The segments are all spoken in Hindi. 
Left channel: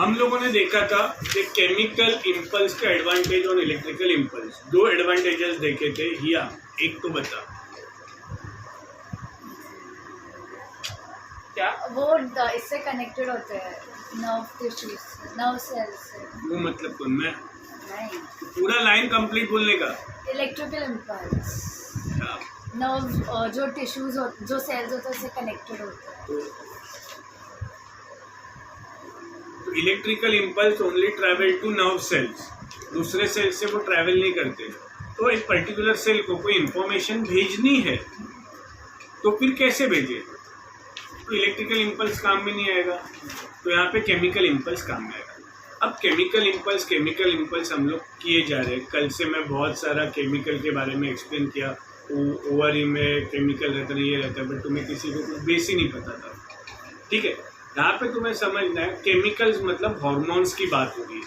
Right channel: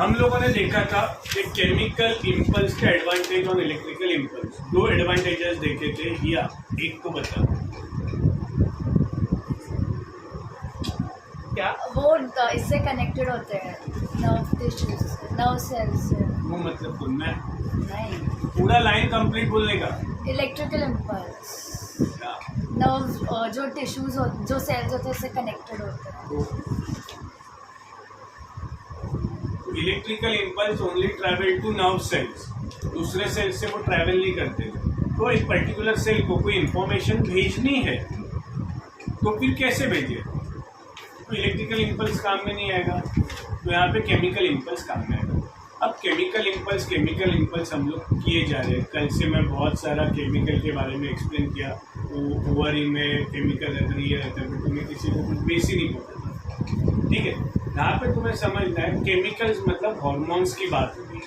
हम लोगों ने देखा था कि केमिकल इम्पल्स का एडवांटेज और इलेक्ट्रिकल इम्पल्स, दो एडवांटेजेस देखे थे। या एक तो बता क्या वो इससे कनेक्टेड होते हैं, नर्व टिश्यूज से, नर्व सेल्स से। वो मतलब कौन मैं नहीं, पूरा लाइन कंप्लीट बोलने का। इलेक्ट्रिकल इम्पल्स क्या? नर्व जो टिश्यूज जो सेल्स होते हैं उससे कनेक्टेड होते हैं। तो electrical impulse only travel to nerve cells, दूसरे सेल से वो ट्रैवल नहीं करते। तो एक पर्टिकुलर सेल को कोई इंफॉर्मेशन भेजनी है तो फिर कैसे भेजे? तो इलेक्ट्रिकल इम्पल्स काम में नहीं आएगा, तो यहाँ पे केमिकल इम्पल्स काम में आएगा। अब केमिकल इम्पल्स हम लोग किए जा रहे हैं। कल से मैं बहुत सारा केमिकल के बारे में एक्सप्लेन किया। ओवरी में केमिकल रहता है, ये रहता है, बट तुम्हें किसी को कुछ बेस ही नहीं पता था। ठीक है, यहाँ पे तुम्हें समझना है केमिकल्स मतलब हॉर्मोन्स की बात हो रही है।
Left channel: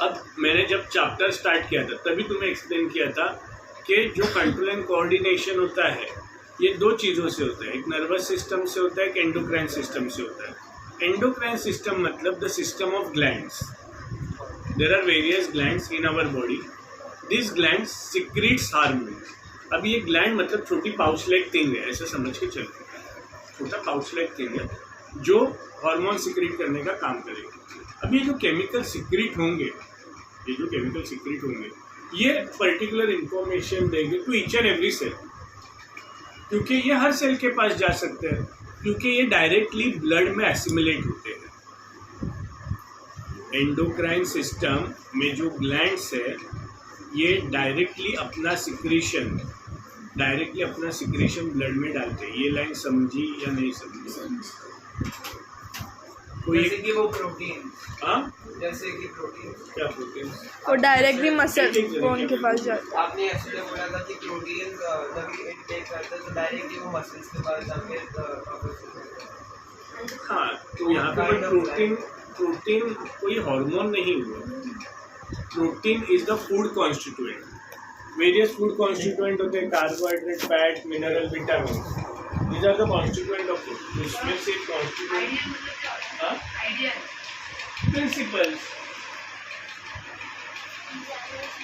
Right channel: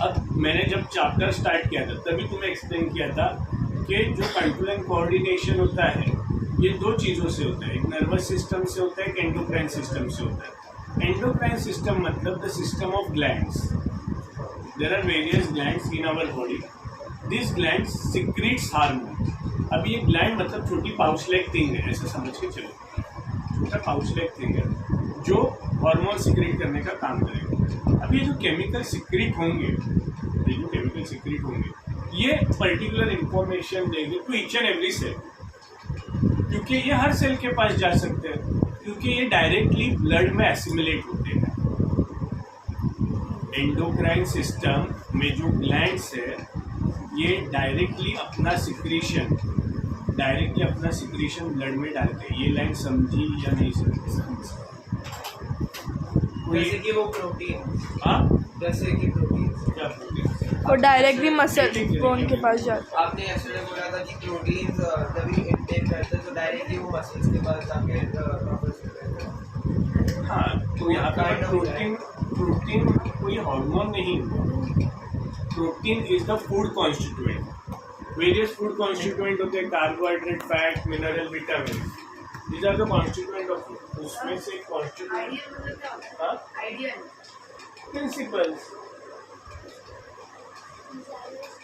अब मैंने जब चैप्टर स्टार्ट किया था तभी तुम्हें एक्सप्लेन किया था कि जो कंट्रोल एंड कोऑर्डिनेशन होता है ये दो चीज़ों से होता है, एक नर्वस सिस्टम से होता है, एक एंडोक्राइन सिस्टम से होता है। एंडोक्राइन सिस्टम मतलब the system of glands. There are various glands in our body, this glands secretes hormone. अब ये ग्लैंड मतलब छोटी पाउच लाइक थिंग है, ऐसा समझ के चलो, छोटा पाउच लाइक थिंग है जो हार्मोन सिक्रीट करने का काम करेगा। अब ये जो केमिकल सिक्रीट होंगे, ये पर्टिकुलर इंफॉर्मेशन देंगे to each and every cell, क्योंकि ये हर सेल के पास जा सकते हैं, क्योंकि ये डायरेक्टली ब्लड में एसिमिलेट होते हैं। एंडोक्राइन सिस्टम में जो ग्लैंड्स है ये डायरेक्टली अपना सिक्रीशन ब्लड में डालते हैं। ये लाइन समझी या नहीं समझी? जैसे कि वो प्रोटीन, जैसे कि प्रोटीन, क्या प्रोटीन? वो डायरेक्टली मसल बोन के पास जाता है। आपने एक्चुअली बोला था कि प्रोटीन तभी इनटेक करते हैं तो डायरेक्टली वो मसल्स के पास जाके वापस होते हैं। हाँ, तो यहाँ पे प्रोटीन कोई हार्मोन नहीं हुआ। Protein is the food constituent. Various food constituent होते हैं, carbohydrate, fat, mineral, vitamin, these are the constituent of food। उसमें से प्रिंसिपल्स।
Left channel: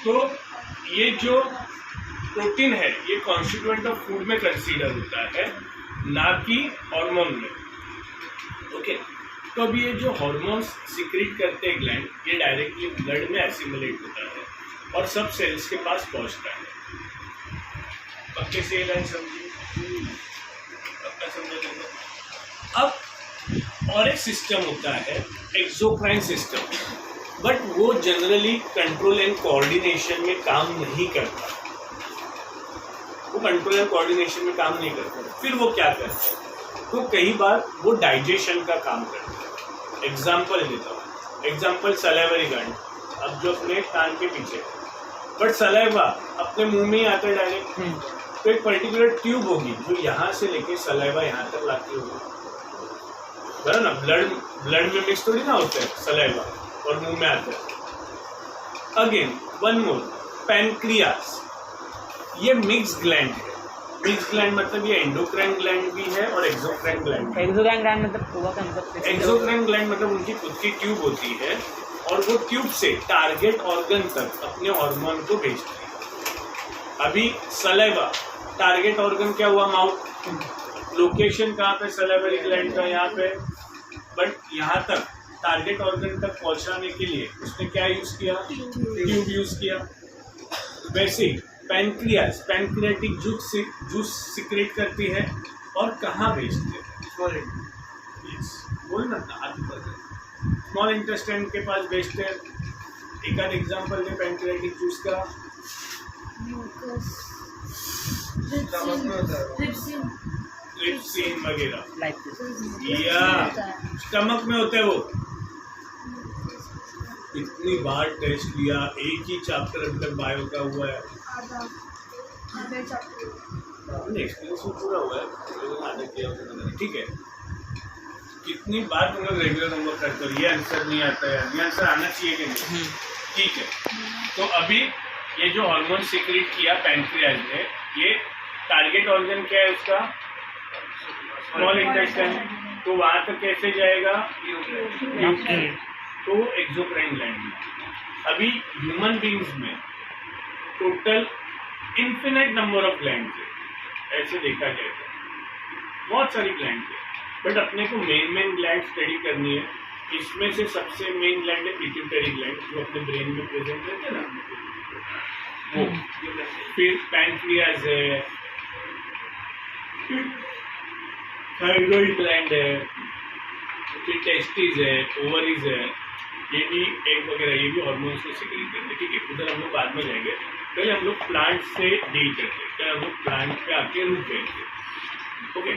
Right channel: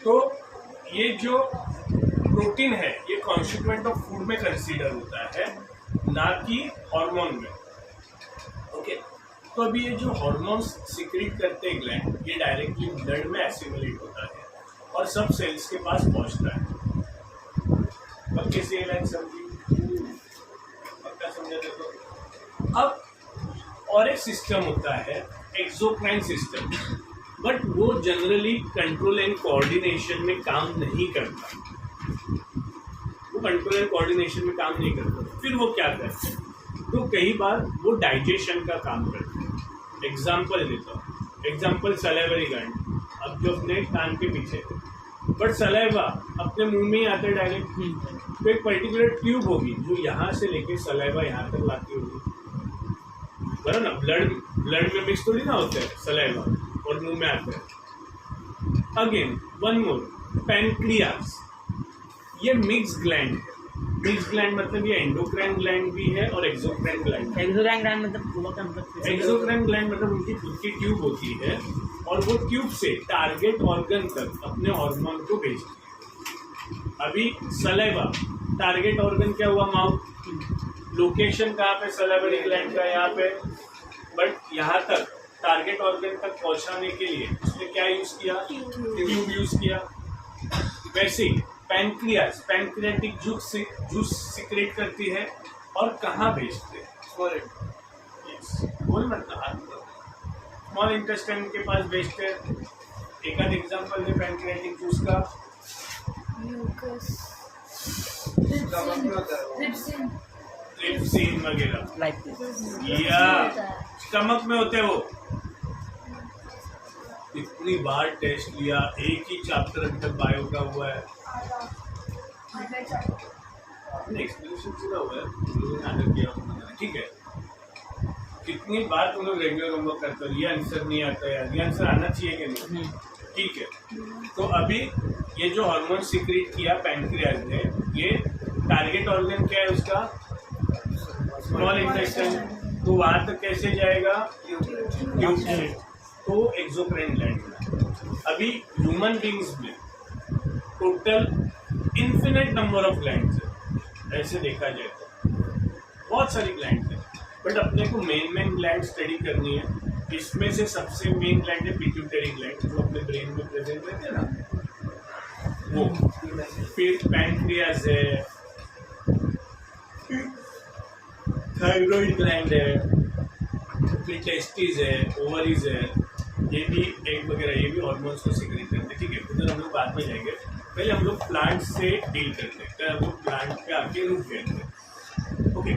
तो ये जो प्रोटीन है ये कॉन्स्टिट्यूएंट ऑफ फूड में कंसीडर होता है, ना कि हार्मोन में। ओके, तो अभी ये जो हार्मोन्स सिक्रीट करते हैं ग्लैंड, ये डायरेक्टली ब्लड में एसिमिलेट होता है और सब सेल्स के पास पहुंचता है। पक्के से ये लाइन समझी? अब और एक सिस्टम होता है एक्सोक्राइन सिस्टम, बट वो जनरली कंट्रोल एंड कोऑर्डिनेशन में काम नहीं करता। फिर वो क्या करता है? तो कई बार वो डाइजेशन का काम करता है। एग्जाम्पल देता हूँ, एग्जाम्पल सलाइवरी ग्लैंड। अब जो अपने कान के पीछे, बट सलाइवा अपने मुंह में ही आता है डायरेक्ट। तो एक पर्टिकुलर ट्यूब होगी जो यहाँ से लेके सलाइवा यहाँ तक लाती होगी, बराबर ना? ब्लड में मिक्स थोड़ी ना होता है सलाइवा और मुंह में आता है। अगेन वन मोर, पैनक्रियास, ये मिक्स ग्लैंड है। मिक्स ग्लैंड मतलब ये एंडोक्राइन ग्लैंड भी है और एक्सोक्राइन ग्लैंड। एक्सोक्राइन ग्लैंड मतलब एक्सोक्राइन ग्लैंड मतलब उनकी खुद की ट्यूब होती है और वो ट्यूब से टारगेट ऑर्गन तक अपने हार्मोन को भेजती है। अभी सलाइवा, टारगेट ऑर्गन क्या हुआ? माउथ। लोकेशन कहाँ पे? सलाइवरी ग्लैंड का यहाँ पे। बट यहाँ तक टारगेट ऑर्गन तक पहुँचाने के लिए उसने क्या यूज किया? ट्यूब यूज किया। वैसे ही पैनक्रियास पैनक्रियाटिक जूस सिक्रेट करती है और कहाँ भेजते हैं? बोल स्मॉल इंटेस्टाइन के पास भेजते हैं। एक आध एग्जाम्पल दे पैनक्रियाटिक जूस का। ट्रिप्सिन वगैरह, या स्टमक में होता है वो। इतनी बार टेस्ट लिया, एक ही चैप्टर अभी तक बायो का हुआ है, एक्सपीरियंस पूरा हुआ है, लोगों ने आदत किया होगा। ठीक है, कितनी बार तुम लोग रेगुलर होमवर्क करते हो, ये आंसर नहीं आता है, ये आंसर आना चाहिए कि नहीं? ठीक है, तो अभी ये जो हार्मोन सिक्रेट किया पैनक्रियाज ने, ये टारगेट ऑर्गन क्या है उसका? Small intestine. तो वहाँ तक कैसे जाएगा? तो एक्सोक्राइन ग्लैंड में। अभी ह्यूमन बींग्स में total infinite number of glands है, ऐसे देखा जाए तो बहुत सारी ग्लैंड्स है, बट अपने को मेन ग्लैंड स्टडी करनी है। इसमें से सबसे मेन ग्लैंड है पिट्यूटरी ग्लैंड, जो अपने ब्रेन में प्रेजेंट रहते हैं ना, वो। फिर पैनक्रियाज है, थायराइड ग्लैंड है, फिर टेस्टिस है, ओवरीज है, ये भी एग वगैरह, ये भी हार्मोन्स को सिक्रेट करते हैं। ठीक है, उधर हम लोग बाद में जाएंगे, पहले हम लोग प्लांट से डील करते हैं, फिर हम लोग प्लांट पे आके रुक गए। ओके,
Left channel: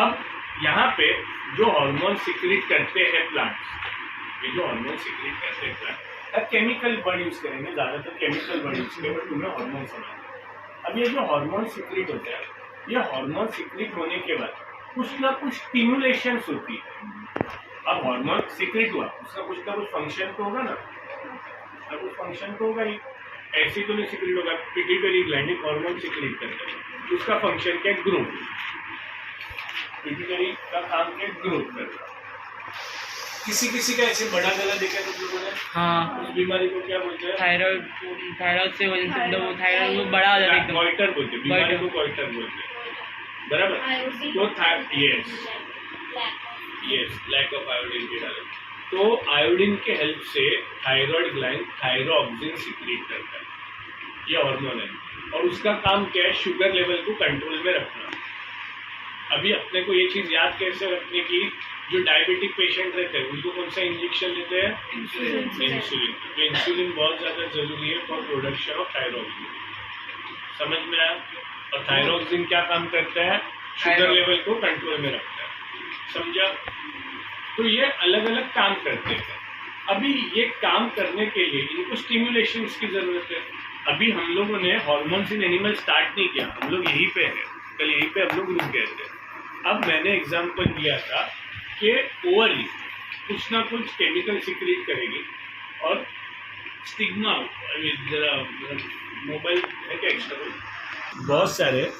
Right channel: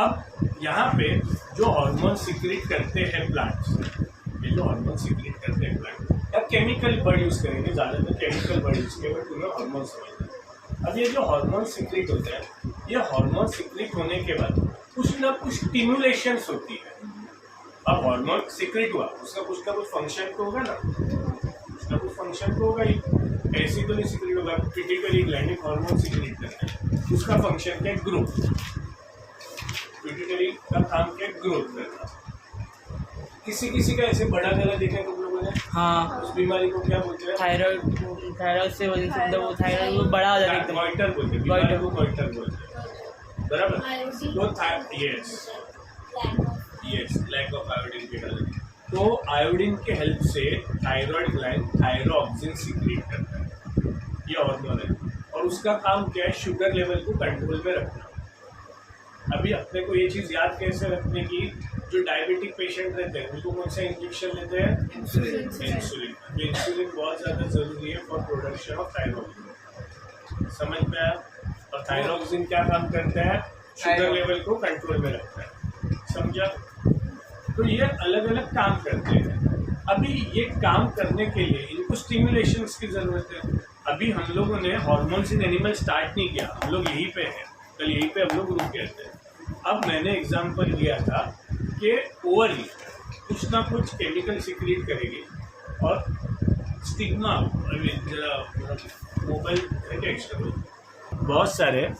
अब यहाँ पे जो हार्मोन सिक्रेट करते हैं प्लांट्स, ये जो हार्मोन सिक्रेट करते हैं प्लांट, अब केमिकल वर्ड यूज़ करेंगे, ज़्यादातर केमिकल वर्ड यूज़ करेंगे, बट तुम्हें हार्मोन समझना। अब ये जो हार्मोन सिक्रेट होता है, ये हार्मोन सिक्रेट होने के बाद कुछ ना कुछ स्टिमुलेशंस होती है। अब हार्मोन सिक्रेट हुआ, उसका कुछ ना कुछ फंक्शन तो होगा ना, कुछ ना कुछ फंक्शन तो होगा ही, ऐसे तो नहीं सिक्रेट होगा। पिट्यूटरी ग्लैंड एक हार्मोन सिक्रेट करता है, उसका फंक्शन क्या है? ग्रोथ। पिट्यूटरी का काम क्या है? ग्रोथ करना। किसी का ऐसे बड़ा गला देखा है तुम लोगों ने? हाँ, उस बीमारी को क्या बोलते हैं? थायराइड से वजह से मतलब थायराइड वो बड़ा हो जाता है एकदम। गॉइटर बोलते हैं, बीमारी को गॉइटर बोलते हैं, बराबर। तो यस लैक ऑफ आयोडीन के डाले, तो आयोडीन के हेल्प से थायराइड ग्लैंड थायरोक्सिन सीक्रेट करता है, ये हार्मोन है, और उसका काम क्या है? शुगर लेवल को कंट्रोल में रखना। अभी अपने को ये चीज़ याद कैसे रखने की, जो डायबिटिक पेशेंट रहते हैं उनको कौन सा इंजेक्शन लेते हैं? इंसुलिन। तो इंसुलिन बहुत ज़्यादा ज़रूरी है फॉर प्रोडक्शन ऑफ थायरोक्सिन, समझ में आया? और थायरोक्सिन क्या काम करता है? शुगर लेवल को कंट्रोल में रखता है, समझा? तो ये अलग अलग काम करते हैं। अभी ये काम करने के लिए इनको स्टिमुलेशंस की ज़रूरत है। अभी हम लोगों ने हार्मोन्स इन एनिमल स्टार्ट नहीं किया, हम लोग यहीं पे हैं, कल यहीं पे हम लोग रुक गए थे। अब मैंने एग्जांपल दिया था कि ओवरी कुछ ना कुछ केमिकल सिक्रीट करेगी, और स्टिग्मा, जरा मोबाइल है क्या एक्स्ट्रा, बहुत सारे,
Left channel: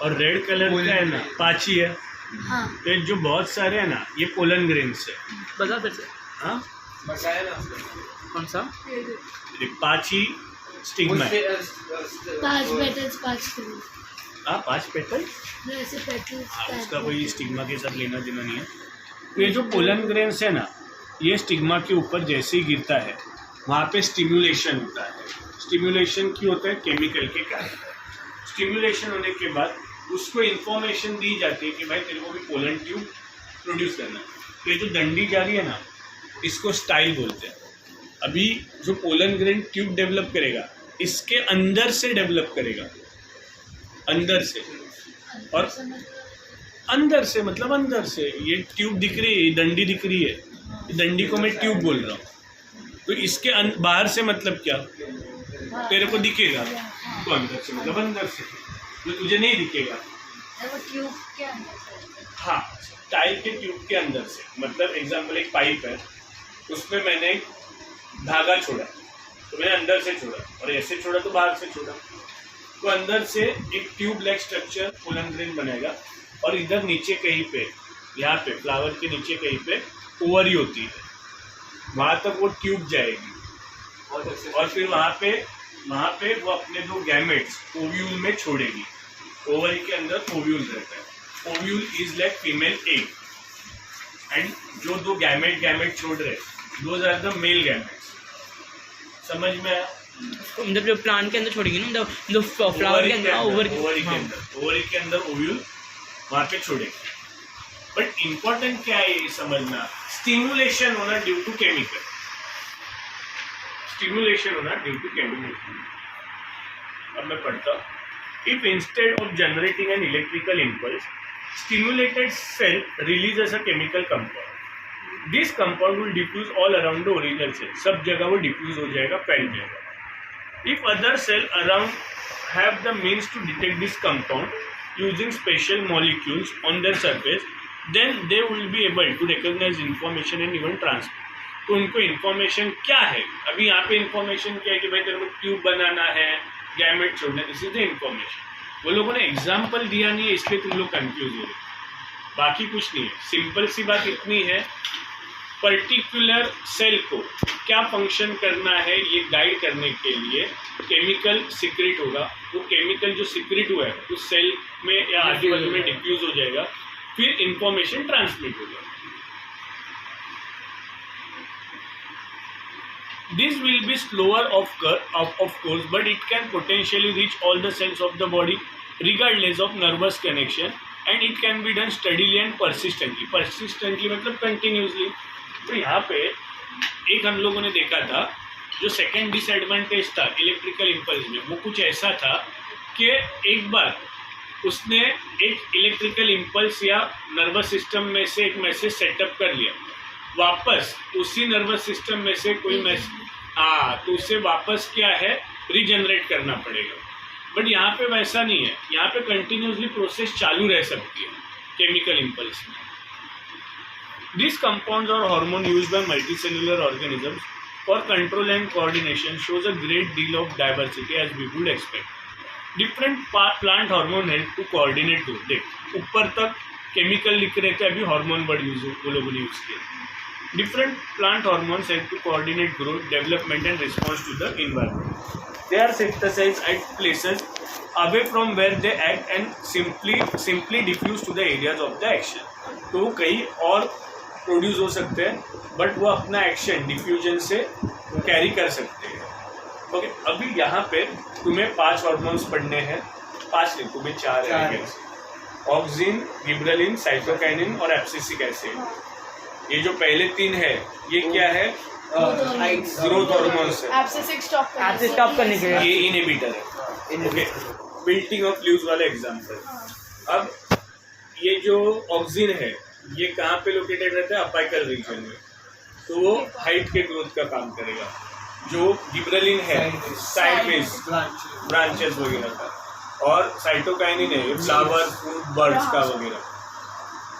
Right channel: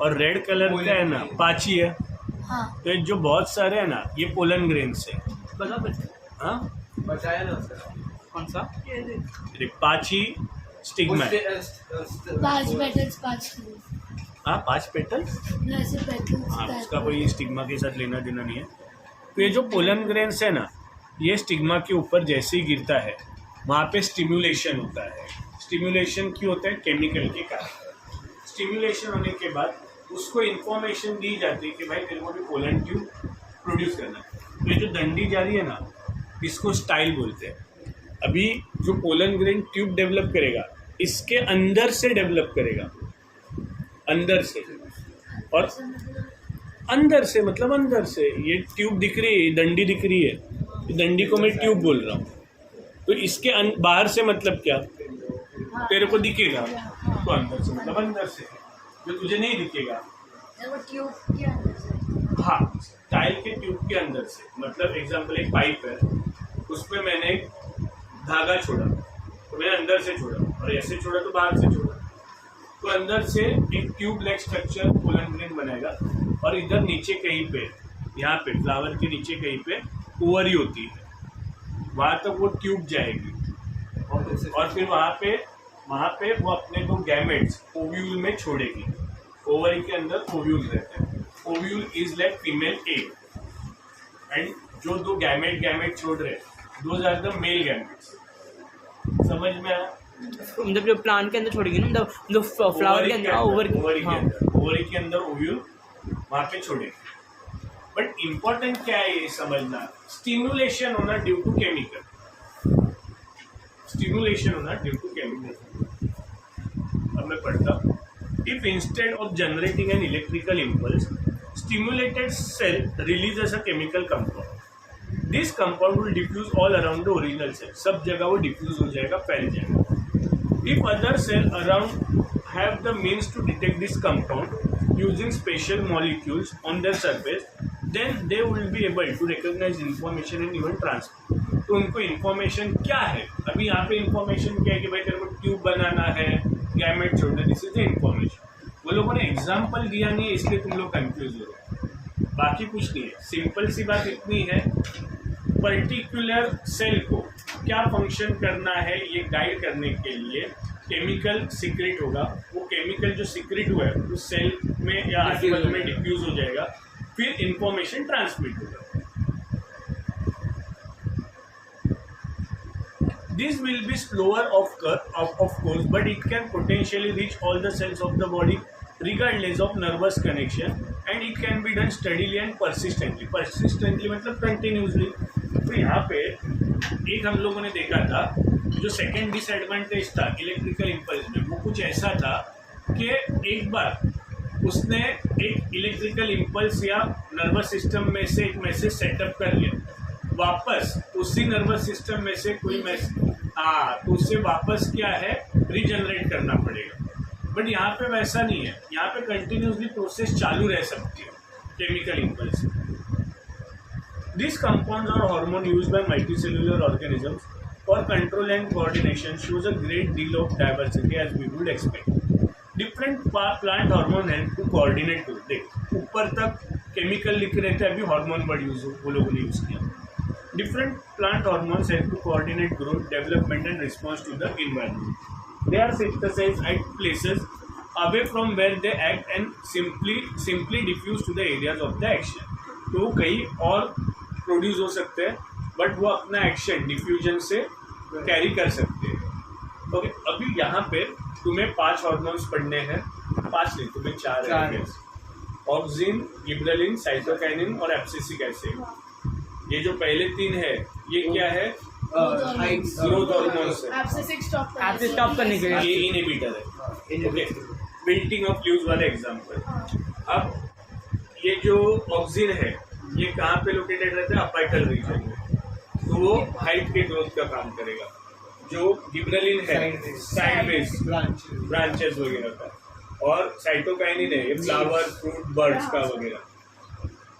और रेड कलर का है ना पाची है, हाँ, तो जो बहुत सारे हैं ना ये पोलन ग्रेन्स है। बता फिर से। हाँ, बताया ना उसका कौन सा? ये पाची स्टिग्मा है। 5 पेटल्स 5 किलो, हाँ, 5 पेटल। वैसे पेटल्स हाँ, उसका कोई स्टिग्मा के साथ लेना देना नहीं है। तो ये जो पोलन ग्रेन्स है ना, ये स्टिग्मा के ऊपर जैसे ही गिरता है वहाँ पे स्टिमुलेशन होता है। स्टिमुलेशन क्यों होता है? केमिकल के कारण। स्टिमुलेशन होने के बाद उसको इन्फॉर्मेशन दी जाती है कि भाई तेरे को भी पोलन ट्यूब प्रोड्यूस करना है। तो ये जो डंडी जा रही है ना, इसको स्टाइल बोलते हैं। अभी जो पोलन ग्रेन ट्यूब डेवलप करेगा, इसके अंदर से डेवलप करेगा, अंदर से, और अंदर से मतलब अंदर से। ये ट्यूब दिख रही है, डंडी दिख रही है, डंडी को मैं ट्यूब बोल रहा हूँ। तो इसके बाहर से मतलब क्या? तेरे को दिखेगा, तो अंदर से मतलब अंदर से, जो तुझे नहीं दिखेगा वो ट्यूब के अंदर से। हाँ, टाइल के ट्यूब के अंदर से, मतलब एग्जांपल एक पाइप है, उसमें मैंने एक धागा छोड़ा, तो मैंने अंदर से छोड़ा, और ऐसे छोड़ा तो बाहर से छोड़ा, तो अंदर से एक tube like structure pollen grain बनेगा, और इधर नीचे कहीं पे, यहाँ पे फ्लावर के नीचे कहीं पे ओवरी होती है, वहाँ तक वो ट्यूब जाएगी, और फिर वहाँ पे वो अपने 2 गैमेट्स ओव्यूल में छोड़ेगी। ओवरी के अंदर ओव्यूल रहता है, ovule is like female egg, and जो 2 गैमेट छोड़ रहे हैं, those are the male gametes. समझ में आया? मतलब जो प्लांट के अंदर छोड़ेगी ना, मतलब जो फ्लावर के अंदर, ओवर ओवरी के अंदर ओव्यूल वहाँ पे छोड़ेगी। बट इम्पोर्टेंट क्या है ये समझना, स्टिमुलेशन होना ड्यू टू केमिकल, स्टिमुलेशन होना ड्यू टू केमिकल। अब मैं पढ़ता हूँ। If instead of generating an electrical impulse, stimulated cell releases a chemical compound. This compound will diffuse all around the original cell. सब जगह वो diffuse हो जाएगा, फैल जाएगा। If other cell around have the means to detect this compound using special molecules on their surface, then they will be able to recognize information and even transmit. तो उनको इन्फॉर्मेशन क्या है? अभी यहाँ पे इन्फॉर्मेशन क्या है कि भाई तेरे को ट्यूब बनाना है, गैमेट छोड़ना, दिस इज द इन्फॉर्मेशन। वो लोगों ने एग्जाम्पल दिया नहीं है, इसलिए तुम लोग कंफ्यूज हो रहे हो। बाकी कुछ नहीं है। सिंपल सी बात इतनी है, पर्टिकुलर सेल को क्या फंक्शन करना है ये गाइड करने के लिए केमिकल सीक्रेट होगा। वो केमिकल जो सीक्रेट हुआ है उस सेल में या आजू बाजू में डिफ्यूज हो जाएगा, फिर इंफॉर्मेशन ट्रांसमिट होगा। This will be slower of course, but it can potentially reach all the cells of the body regardless of nervous connection, and it can be done steadily and persistently. Persistently मतलब continuously। तो यहाँ पे एक हम लोगों ने देखा था जो सेकेंड डिसएडवांटेज था इलेक्ट्रिकल इम्पल्स में, वो कुछ ऐसा था कि एक बार उसने एक इलेक्ट्रिकल इम्पल्स या नर्वस सिस्टम में से एक मैसेज सेटअप कर लिया, वापस उसी नर्वस सिस्टम में से कोई मैसेज तो उससे वापस क्या है रीजनरेट करना पड़ेगा। बट यहाँ पे वैसा नहीं है, यहाँ पे कंटिन्यूसली प्रोसेस चालू रह सकती है केमिकल इम्पल्स। दिस कंपाउंड्स और hormone used by multicellular organisms for control and coordination shows a great deal of diversity as we would expect. Different plant hormone help to coordinate. देख ऊपर तक केमिकल लिख रहे थे, अभी हार्मोन वर्ड वो लोगों ने यूज़ किया। Different plant hormones help to coordinate growth, development and response to the environment. They are synthesized at places away from where they act and simply diffuse to the areas of the action. तो वो कहीं और प्रोड्यूस हो सकते हैं, बट वो अपना एक्शन डिफ्यूजन से कैरी कर सकते हैं। ओके, अभी यहाँ पे तुम्हें 5 हार्मोन्स पढ़ने हैं, 5 नहीं तुम्हें 4 है। ऑक्सिन, गिबरेलिन, साइटोकाइनिन और एब्सिसिक एसिड। ये जो पहले 3 है ये क्या है? ग्रोथ हार्मोन्स है। एब्सिसिक स्टॉप करने के लिए ये इनहिबिटर है। ओके, बिल्डिंग ऑफ लीव्स वाला एग्जांपल। अब ये जो ऑक्सिन है ये कहाँ पे लोकेटेड रहता है? अपाइकल रीजन में, तो वो हाइट के ग्रोथ का काम करेगा। जो गिबरेलिन है साइडवेज ब्रांचेस वगैरह का, और साइटोकाइनिन है फ्लावर, फ्रूट, बर्ड्स का वगैरह।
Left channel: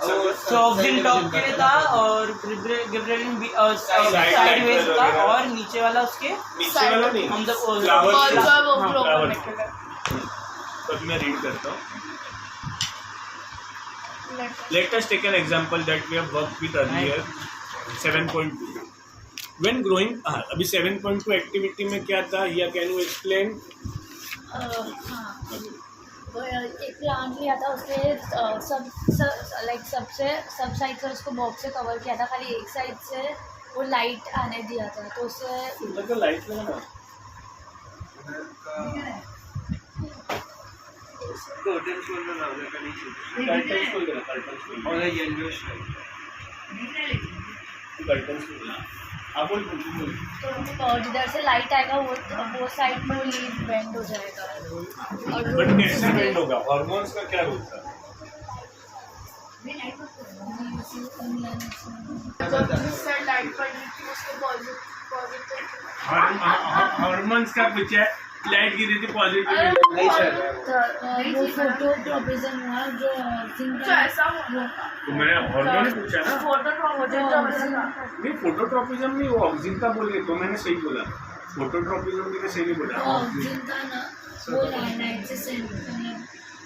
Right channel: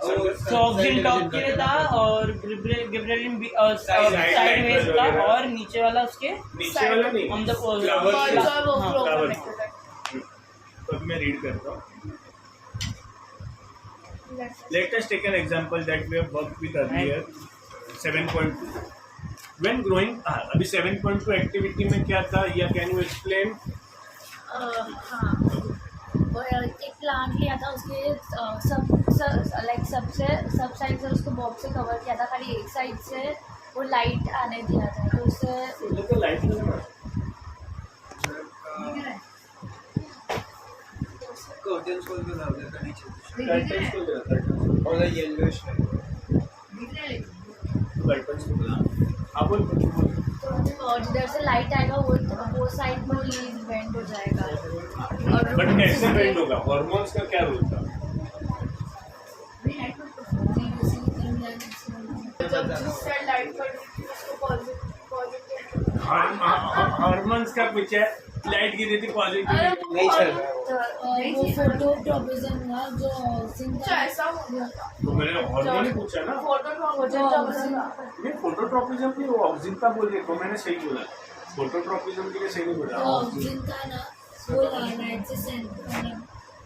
तो ऑक्सिन टॉप के लिए था और गिबरेलिन भी साइडवेज था, और नीचे वाला उसके नीचे वाला नहीं, हम जब फ्लावर। तो मैं रीड करता हूँ। Let us take an example that we have worked with earlier, 7.2. When growing, अभी 7.2 एक्टिविटी में क्या था, या कैन यू एक्सप्लेन? एक प्लांट लिया था, उसके सब साइड से उसको बॉक्स से कवर किया था, खाली एक साइड से वो लाइट आने दिया था, तो उससे लाइट लगाना कर्टन खोल दो ना, उधर का नीचे कर्टन खोल देना, कर्टन खोल और येलोइश कर्टन खोल देना। आप बोल तो जिधर से लाइट आएगा वो साइड में वो लीफ बेंड हो जाएगा। बट कैसे बेंड होगा? हार्मोन्स का क्या रोल था? हार्मोन्स का कुछ है, लाइट गिरी थी पॉजिटिव नहीं सर। वो फोटोट्रॉपिज्म हुआ जो तो मैंने हार्मोन पूछा ना, नहीं फोटोट्रॉपिज्म नहीं, वो ऑक्सिन का बोल के, तो मैंने सही बोला। फोटोट्रॉपिज्म के लिए सही नहीं बोला। ऑक्सिन का ना वो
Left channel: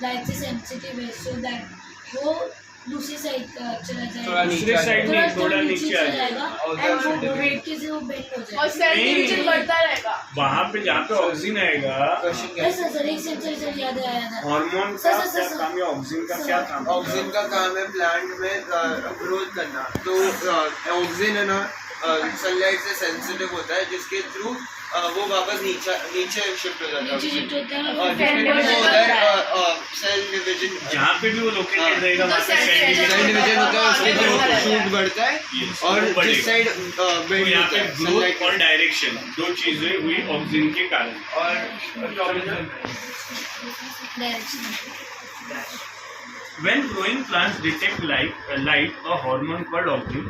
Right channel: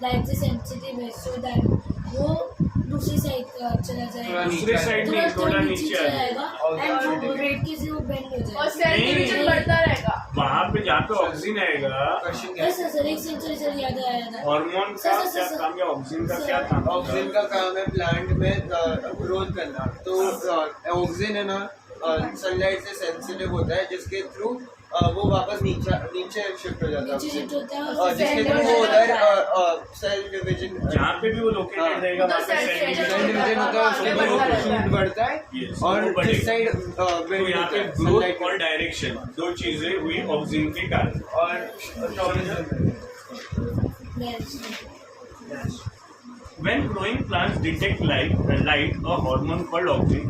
लाइट से सेंसिटिव है, सो दैट वो दूसरी साइड का चला जाएगा, दूसरी साइड में थोड़ा नीचे आ जाएगा एंड वो वेट के से वो बेंड हो जाएगा और सेल डिवीजन बढ़ता रहेगा। वहाँ पे जहाँ पे ऑक्सिन आएगा, सर एक सेंसर याद आया था। हार्मोन का क्या काम है, ऑक्सिन का क्या काम है? ऑक्सिन का काम है प्लांट में ग्रोथ करना। तो ऑक्सिन है ना सनलाइट से सेंसिटिव होता है, जिसके थ्रू वो वापस नीचे शिफ्ट हो जाता है, जिसमें वो होता है सेल डिवीजन। जहाँ पे भी वो लोकेटेड रहेगा वहाँ पे सेल डिवीजन होता है, उसके थ्रू शूट बढ़ता है, और जिस साइड बेंड यहाँ होता पे है ग्रोथ और डायरेक्शन, 2 चीजें हुई ऑक्सिन के कारण। When growing plants detect light, a hormone called auxin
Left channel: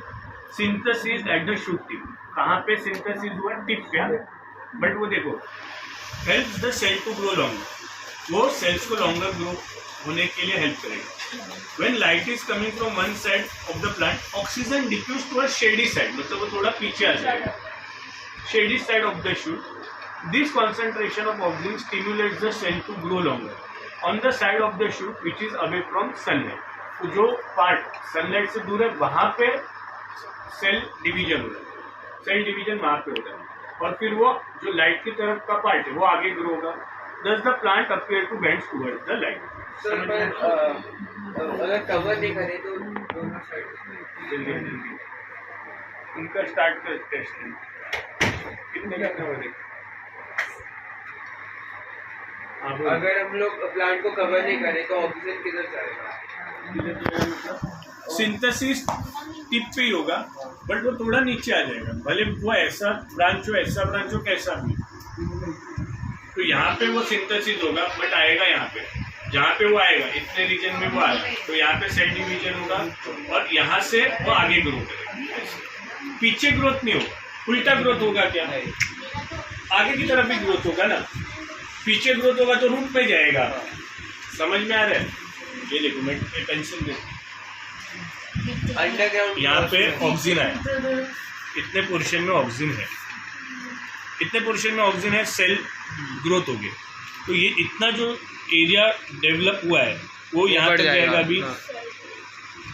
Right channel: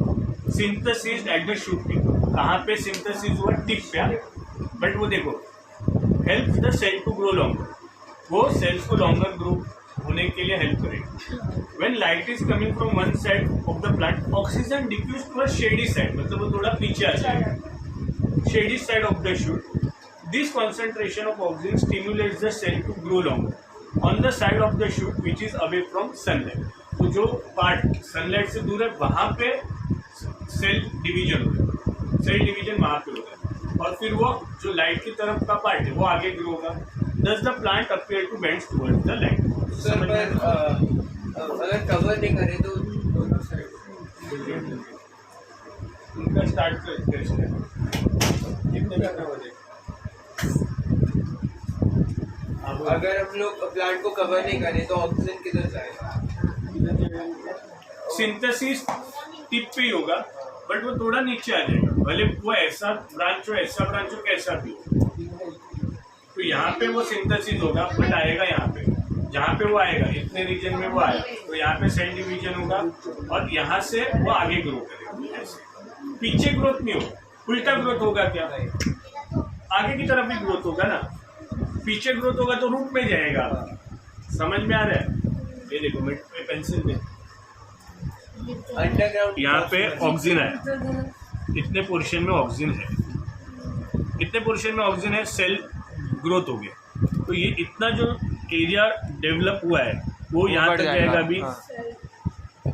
synthesis at the shoot tip. कहाँ पे synthesis हुआ? टिप पे। बट वो देखो helps the cell to grow longer. वो सेल्स को longer ग्रो होने के लिए हेल्प करेगा। When light is coming from one side of the plant, oxygen diffuse to a shady side, मतलब वो थोड़ा पीछे आ जाएगा, shady side of the shoot. This concentration of oxygen stimulates the cell to grow longer on the side of the shoot which is away from sunlight. वो जो पार्ट सनलाइट से दूर है वहाँ पे सेल डिवीजन होता है, सेल डिवीजन वहाँ पे होता है, और फिर वो जो लाइट की तरफ का पार्ट है वो आगे ग्रो होगा। Thus the plant appear to bend towards the light. सर पर अगर कवर नहीं करें तो दोनों साइड इनका स्टार्ट कर टेस्ट है, कितने का कवर है? अगर हम लोग प्लांट को कवर नहीं करें तो ऑक्सीजन किधर जाएगा? सिंथेसिस टिप पे ही होगा, बट वो थोड़ा नीचे आ जाएगा, भले वो ऐसा ब्रांच हो कैसा भी हो। तो यहाँ पे वो सिंथेसिस होगा, बट आएगा यहाँ पे, जहाँ पे वो आएगा इतने रीजन में वो आएगा, तो यहाँ पे सेल डिवीजन होगा और यहाँ से वो आगे ग्रो करेगा। पीछे ग्रोथ नहीं होगा, उल्टा ग्रोथ होगा। क्या आगे की तरफ ही ग्रोथ होगा ना, पीछे ग्रोथ होगा तो रूट में जाएगा। समझ में आ रहा है? ये देखो मैं पेंसिल दे, अंडरग्राउंड यहाँ पे ऑक्सीजन है, इतने पोर्शन में ऑक्सीजन है, इतने पोर्शन में ऑक्सीजन है, सेल ग्रोथ हो गया। तो ये इतना जो एरिया डेवलप हुआ है वो यहाँ तक जाएगा अभी,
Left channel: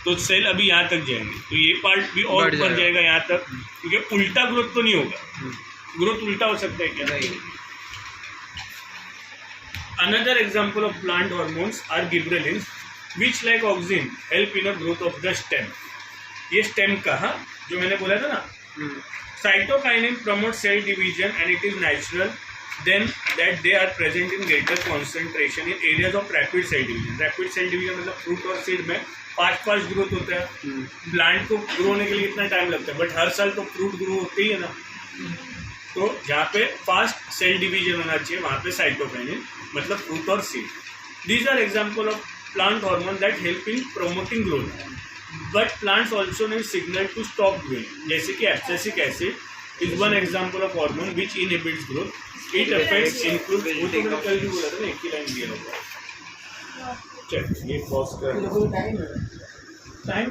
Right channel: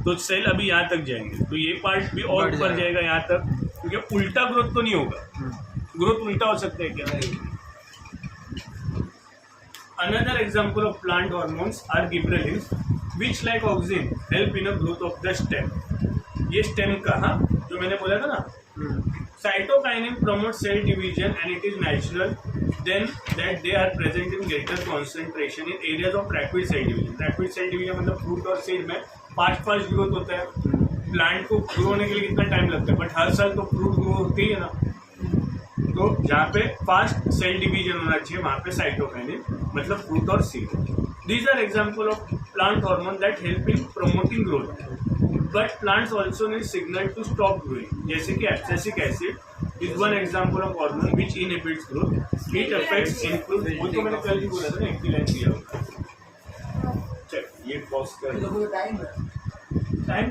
तो सेल अभी यहाँ तक जाएंगे, तो ये पार्ट भी और ऊपर जाएगा यहाँ तक, क्योंकि उल्टा ग्रोथ तो नहीं होगा। ग्रोथ उल्टा हो सकता है क्या? Another example of plant hormones are gibberellins, which like oxygen help in a growth of the stem. ये stem का, हाँ, जो मैंने बोला था ना, cytokinin promotes cell division and it is natural then that they are present in greater concentration in areas of rapid cell division. Rapid cell division मतलब फ्रूट और सीड में फास्ट ग्रोथ होता है। प्लांट को ग्रो होने के लिए कितना टाइम लगता है, बट हर साल तो फ्रूट ग्रो होते ही है ना। तो जहाँ पे फास्ट सेल डिवीजन होना चाहिए वहाँ पे साइटोकाइनिन मतलब फ्रूट और seed. These are example of plant hormone that help in promoting growth, but plants also need signal to stop growing, जैसे कि abscisic acid is one example of hormone which inhibits growth. It affects include, वो तो मैंने कल भी बोला था ना, एक ही लाइन दिया होगा। चल ये पॉज कर टाइम